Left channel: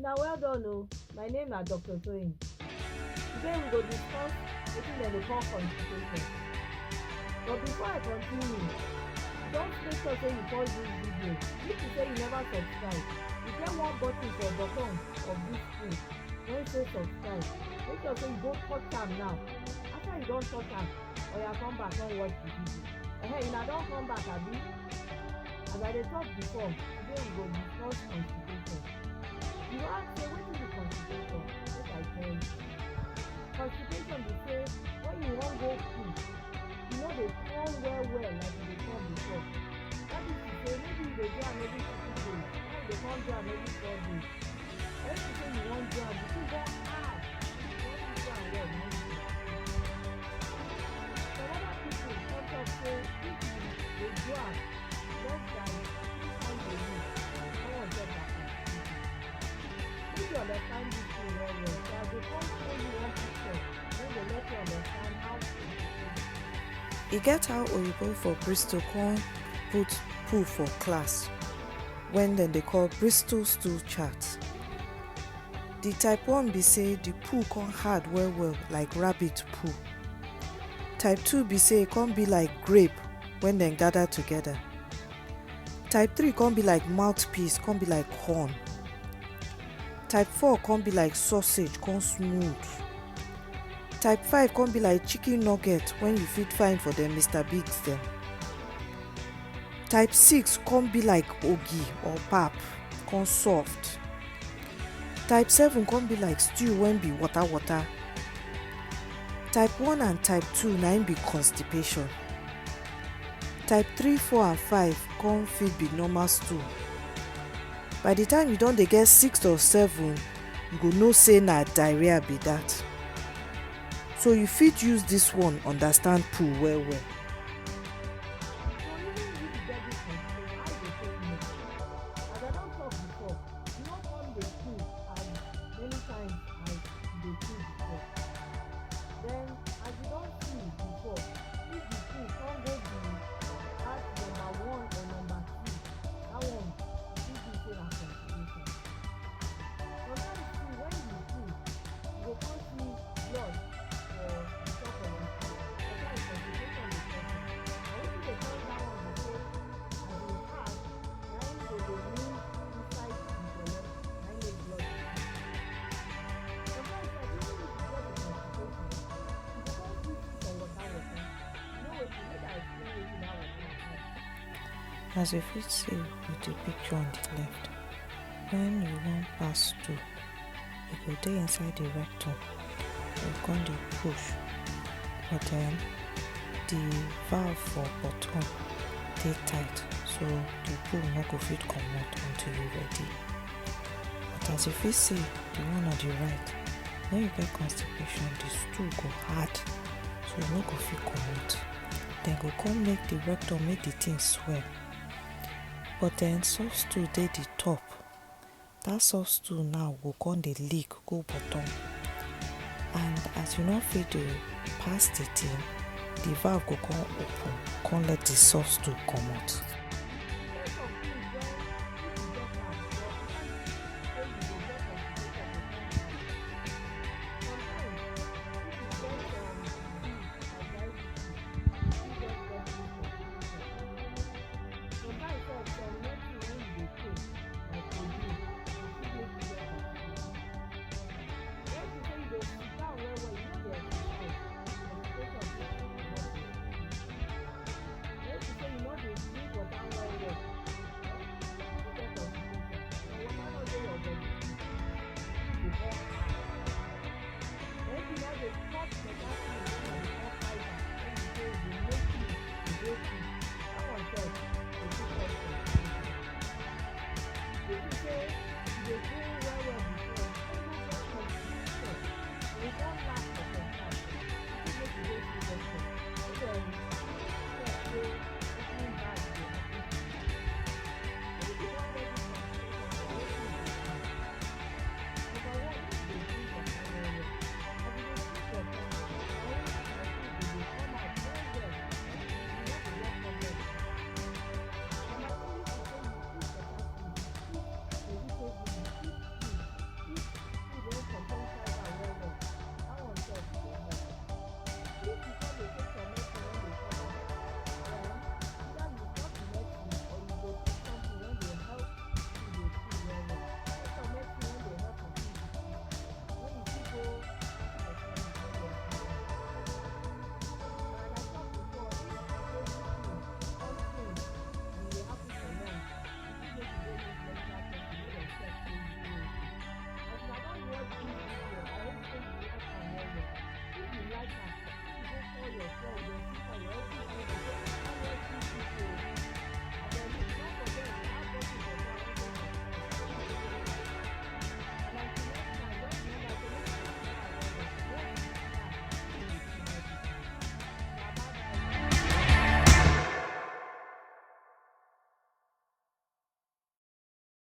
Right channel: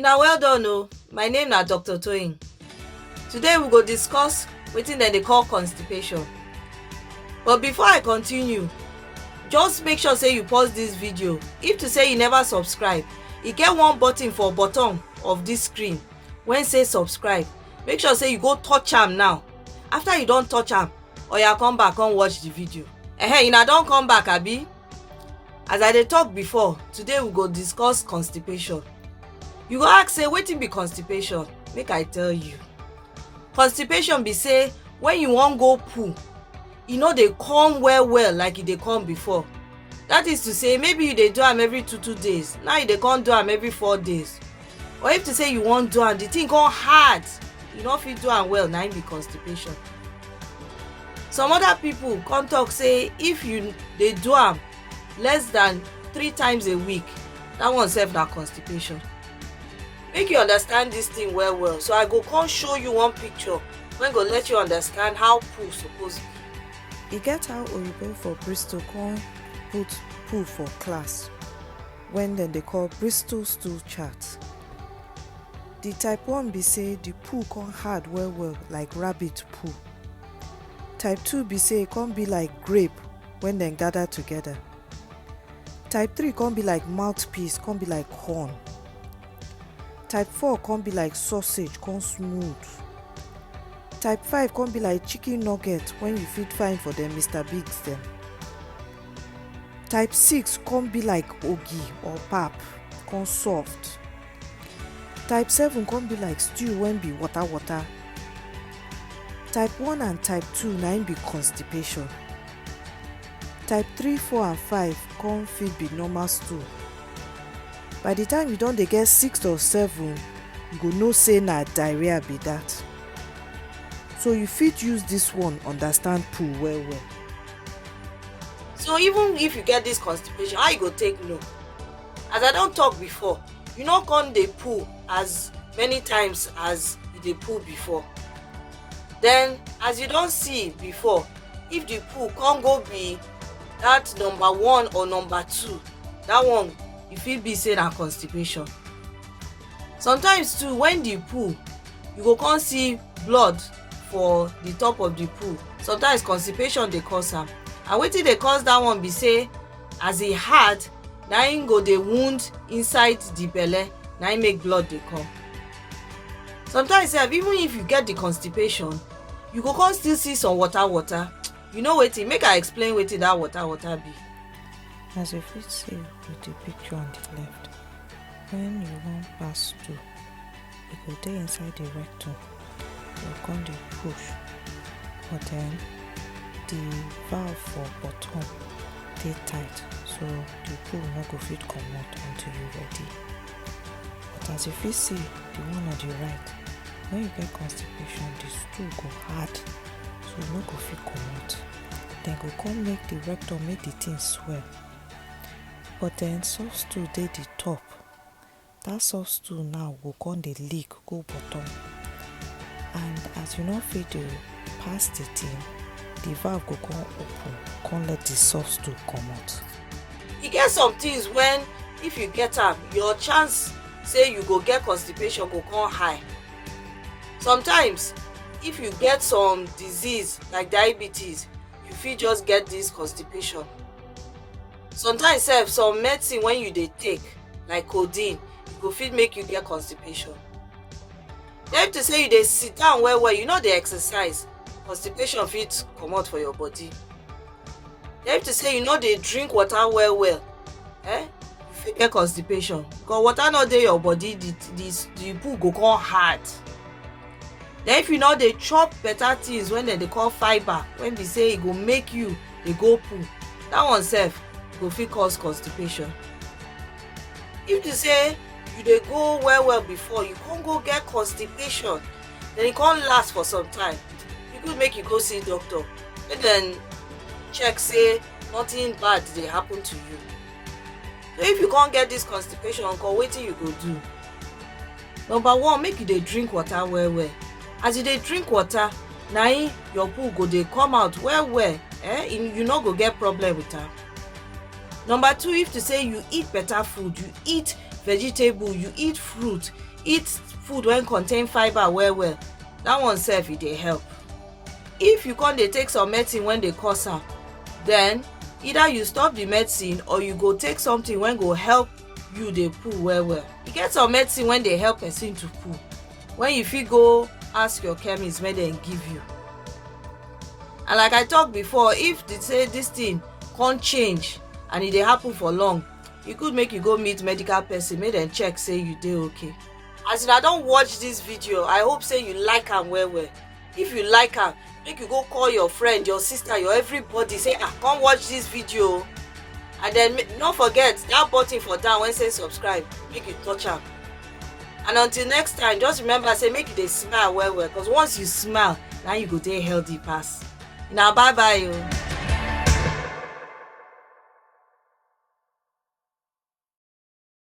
Una well done o. My name na Dr. Toyin. Today we go discuss wetin dem dey call constipation. But before I continue, just make sure say you pause dis video. If to say you never subscribe, e get one button for bottom of dis screen wey say subscribe. Make sure say you go touch am now. After you don touch am, oya come back come watch the video. Una don come back abi? As I dey talk before, today we go discuss constipation. You go ask say wetin be constipation? Make I tell you. Constipation be say when you wan go poo, e no dey come well like e dey come before. That is to say, maybe you dey do am every 2 days, now you dey come do am every 4 days. Or if to say you wan do am, the thing come hard, you no fit do am well, na im be constipation. Some other people come talk say if you dey do am less than 3 times a week, that one sef na constipation. Make you understand this thing well, so I go come show you one picture wey go let you understand how poo suppose be. E get how oyibo for Bristol come put poo for class when dem dey call Bristol stool chart. The type 1 be say the poo come hard well like rabbit poo. Type 2 be say e come be like grape when dem gather together. Type 3 come be like mouthpiece, come be like horn. Type 4 come be like sausage, come smooth. Type 5 come be like chicken nugget when you fit find for them Mr. Biggs dem. Type 6 come be like ogi or pap, come soft. Type 7 come be like stew when be water. Type 1 and type 2 na im be constipation. Type 3, 4 and 5 come fit be normal stool. By the time you don dey get 6 or 7, you go know say na diarrhea be that. So you fit use this one understand poo well. So even if you get this constipation, how you go take know? As I don talk before, you no come dey poo as many times as you dey poo before. Then as you don see before, if the poo come go be that number 1 or number 2, that one e fit be say na constipation. Sometimes too, when the poo, you go come see blood for the top of the poo. Sometimes constipation dey cause am, and wetin dey cause that one be say as e hard, na im go dey wound inside the belle, na im make blood dey come. Sometimes sef, even if you get the constipation, you go come still see some water. You know wetin? Make I explain wetin that water be. As you fit see with the picture on the left, when you wan pass stool, e go dey inside the rectum, you come dey push, but then the valve for bottom dey tight, so the poo no go fit comot until you ready. But as you fit see the one on the right, when you get constipation, the stool go hard, so you no go fit comot. Then go come make the rectum make the thing swell. But then soft stool dey the top. That soft stool now go come dey leak go bottom, and as you no fit dey pass the thing, the valve go come open, come let the soft stool comot. E get some things when if you get am, your chance say you go get constipation go come high. Sometimes if you get some disease like diabetes, you fit just get this constipation. Sometimes sef, some medicine when you dey take like codeine go fit make you get constipation. Then if to say you dey sit down well, you no dey exercise, constipation fit comot for your body. Then if to say you no dey drink water well, you fit get constipation, because water no dey your body, the poo go come hard. Then if you no dey chop better things when dem dey call fibre, when be say e go make you dey go poo, that one sef go fit cause constipation. If to say you dey go well before, you come go get constipation, then e come last for some time, e good make you go see doctor make dem check say nothing bad dey happen to you. So if you come get this constipation, wetin you go do? Number 1, make you dey drink water well. As you dey drink water, na im your poo go dey come out well. You no go get problem with am. Number 2, if to say you eat better food, you eat vegetable, you eat fruit, eat food wey contain fibre well well, that one sef e dey help. If you come dey take some medicine wey dey cause am, then either you stop the medicine or you go take something wey go help you dey poo well well. E get some medicine wey dey help person to poo, when you fit go ask your chemist make dem give you. And like I talk before, if they say this thing come change and e dey happen for long, e good make you go meet medical person make dem check say you dey okay. As una don watch this video, I hope say you like am well well. If you like am, make you go call your friend, your sister, your everybody, say come watch this video. And then no forget that button for down wey say subscribe, make you touch am. And until next time, just remember say make you dey smile well well, because once you smile, na you go dey healthy pass. Na bye bye o.